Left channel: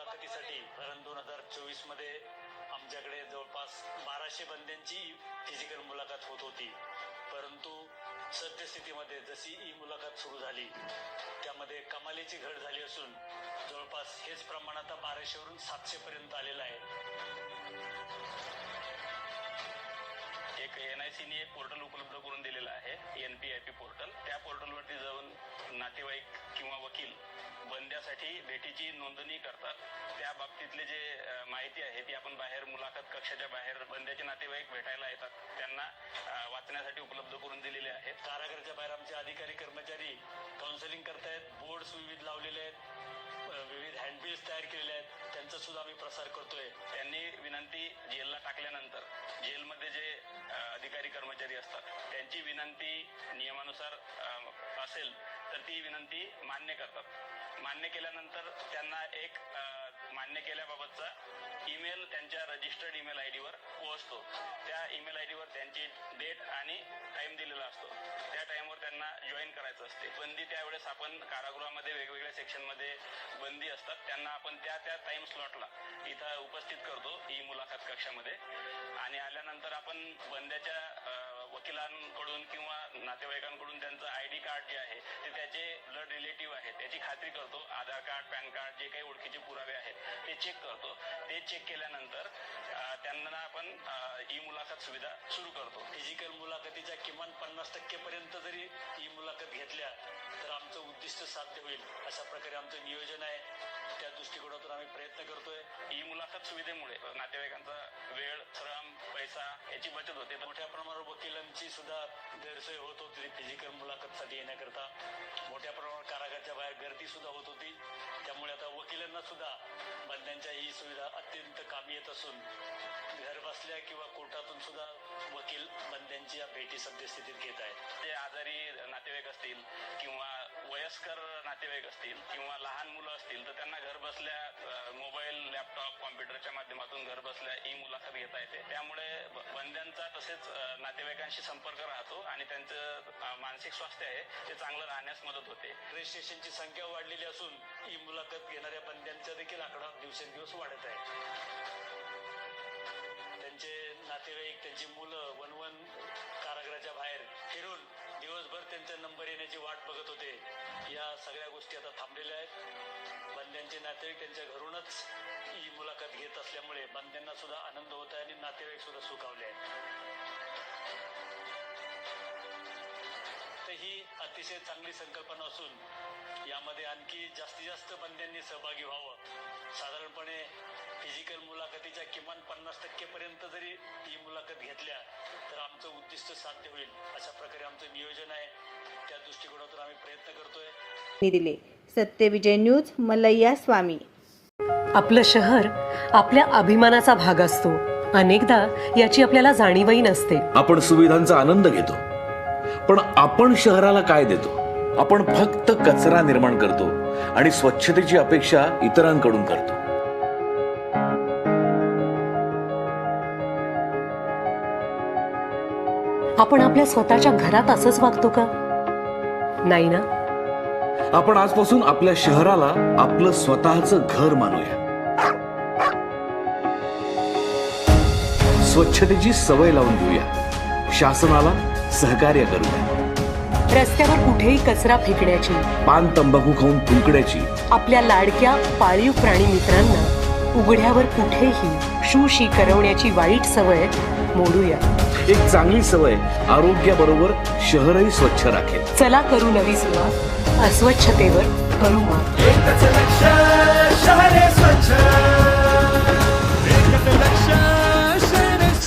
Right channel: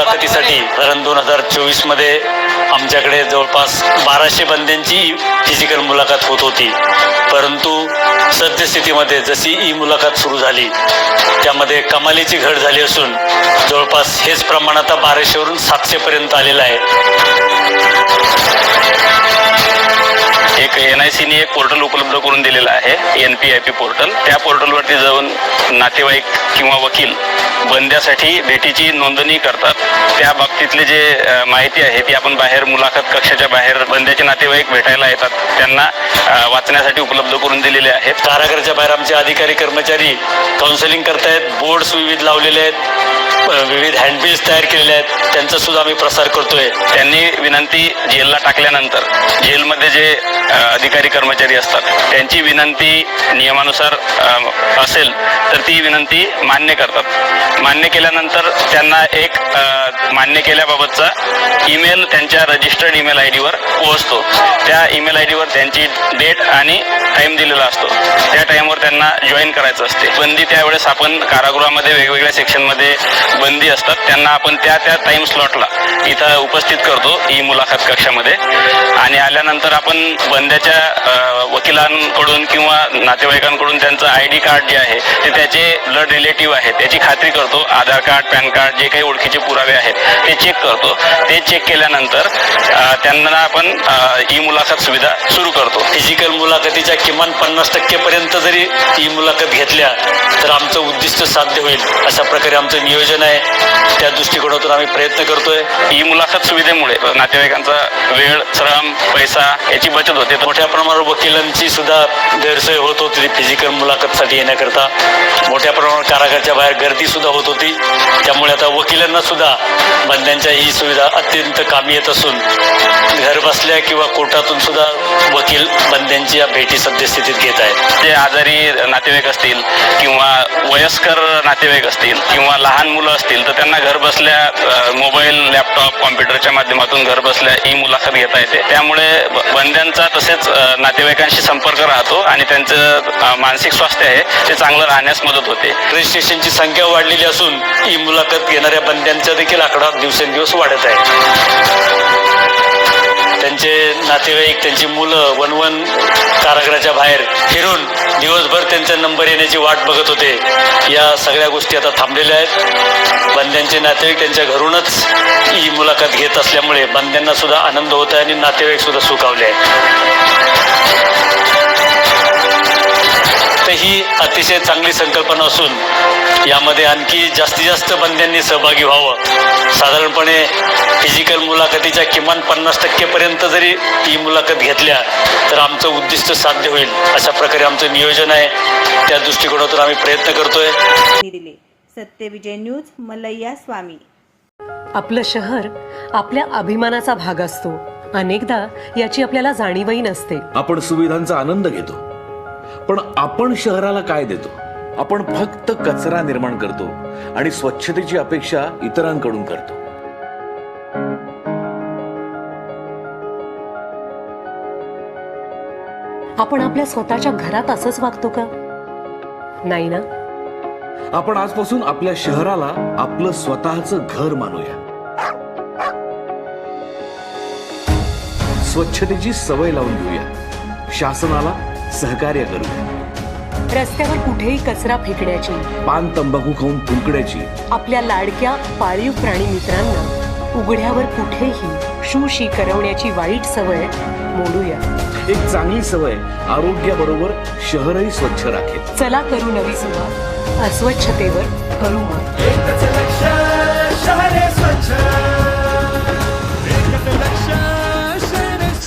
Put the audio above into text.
मुलाखतीसाठी कारण दोन हजार चोवीसमध्ये आमच्याकडे जवळपास बाराशे बंद्यांची फिजिकल मुलाखत होत होती. परंतु सद्यस्थितीमध्ये जशी ई मुलाखत सुरू झाली त्यामध्ये कमालीची घट झाली असून जवळपास हेच प्रमाण आता बाराशेवरून सातशेपर्यंत आलेलं आहे. एक एन आय सीने एक पोर्टल उपलब्ध करून दिलेलं आहे N P I P portal. त्या पोर्टलवरती जाऊन नातेवाईक किंवा वकील बंद्यासाठी भेटीची नोंदणी करतात. त्या बाबतीतली जे माहिती आहे ती आपण बाहेर मुलाखत कक्षाच्या बाहेर बंद्याचे नातेवाईक भेटायला येतात. त्यांना वाचण्यासाठी उपलब्ध करून दिलेले आहेत. कारागृहाच्या बाहेर आमचे अधिकारी कर्मचारी काउन्सिलिंग करतायत. बोर्ड्स विविध लावलेले आहेत. विविध हँडबिल्स तयार केलेले आहेत. त्यांचा सुद्धा आम्ही प्रसार करतोय. त्यांनी विनंती जेलला टाकल्यानंतर जेलमध्ये जे अधिकारी कर्मचारी असतात त्यांची विनंती नियमानुसार असेल तर ती विनंती मान्य करतात. मान्य केल्यानंतर त्यांना एक मान्य केल्याबाबतचा ईमेल त्यांच्या रजिस्टर्ड ईमेल आय डीवर पोहोचतो. त्या ईमेल आय डीवर त्यांची डेट आणि टाइम दिलेला असतो. त्या टाइमवर त्यांना जॉईन करायचं असते. बंदी त्यावेळेस आपण कारागृहामध्ये वेगवेगळ्या सेक्शनमध्ये बंदी असतात. त्यांना आपण त्या त्या टाइम स्लॉटला इथं उपस्थित करतो ई मुलाखत कक्षामध्ये. आणि आल्यानंतर आपण बंद्याच्या वकिलांकडून किंवा नातेवाईकांकडून त्यांचं आय डी कार्ड जे आहे ते त्याचे ब्लड रिलेटिव्ह आहेत त्याची खात्री करतो. आधार कार्ड पॅन कार्ड जे काही ओळखीचे पुरावे आहेत ते चेक करतो. ते चेक केल्यानंतर त्यांना आपण ई मुलाखत सुविधा सुरू करतो. फिजिकल मुलाखतीच्या किमान पन्नास टक्केपर्यंत जरी ही मुलाखत घेतल्या तर आमचं उद्दिष्ट साध्य होईल अशा प्रकारे आमचं नियोजन आहे. त्या दृष्टिकोनातून आम्ही प्रयत्न करतोय. ई मुलाखत सुविधेमुळे नातेवाईकांचा वेळ श्रम पैसा याची बचत होते. मोठ्या प्रमाणावर वकिलांची सुद्धा गैरसोय होत होती फिजिकल मुलाखतसाठी येण्याकरता. मोठ्या प्रमाणावर कारागारच्या बाहेर गर्दी सुद्धा होत होती. त्यामुळे आता वकिलांना सुद्धा बंद्यांच्या ही सुविधा अत्यंत कामी येत असून घर बसल्या किंवा कोर्टातून सुद्धा वकील बंद्यांची या भेटी सद्यस्थितीत घेत आहेत. जे आजारी नातेवाईक असतील किंवा वयस्कर नातेवाईक असतील किंवा लहान मुलं असतील तर त्यांना घर बसल्या मोबाईल लॅपटॉप कॉम्प्युटरच्या माध्यमातून घर बसल्या ई मुलाखत घेता येते. त्यामुळे बंद्यांचा तसेच नातेवाईकांशी संपर्क राहतो आणि त्यांचं मानसिक स्वास्थ्य आहे ते चांगलं राहण्यास मदत होते. रजिस्ट्रेशनची संख्या वाढलेली असून ही मुलाखत घेणाऱ्या बंद्यांचा देखील आकडा दिवसेंदिवस वाढत आहे. नातेवाईक त्यांची मुलं वनवन कारागृहाच्या बाहेर फिरून दिवसभर त्यांचा नंबर येण्याची वाट बघत होते. या सगळ्या गोष्टी आता थांबलेल्या आहेत. बंद्यांचे नातेवाईक त्यांच्या घरूनच ही मुलाखत घेत असल्यामुळे बंद्यांना सुद्धा आनंद होत आहे आणि नातेवाईक सुद्धा सुखावले आहेत. अतिशय चांगली संकल्पना असून यामध्ये आणखी जास्तीत जास्त बंद्यांनी सहभागी व्हावं. साधारणपणे फिजिकल मुलाखतीच्या किमान पन्नास टक्केपर्यंत जरी ही मुलाखत घेतल्या तर आमचं उद्दिष्ट साध्य होईल. अशा प्रकारे आमचं नियोजन आहे. त्या दृष्टिकोनातून आम्ही प्रयत्न करतोय. सत्यविजय न्यूज मल्लय्या स्वामी. आपलं शहर आपल्या अभिमानाचा भाग असतो. अनेकदा याची आपल्याला जाणीवही नसते. आपण सुविधांचा आनंद घेतो. पण आपण शहराला काय देतो? आपण फक्त कचरा निर्माण करतो आणि स्वच्छतेची अपेक्षा इतरांकडून करतो. आपण आपल्या स्वतःच्या घरात असंच वागतो का? नाही ना? आपण आजपासून आपल्या शहराला आपलं स्वतःचं घर मानूया. स्वच्छतेची सवय लावून घेऊया. शासनाला सहकार्य करूया रस्त्यावर कुठेही कचरा फेकण्याची पान तंबाखू खाऊन थुंकण्याची आपल्या लाडक्या पाळीव प्राणी मित्रांना उघड्यावर कुठेही शूशी करवण्याची वाईट सवय मोडूया. एक चांगली सवय आरोग्याबरोबर शहरही स्वच्छ राखेल. चला करू नवी सुरुवात. अस्वच्छतेवर करू मात.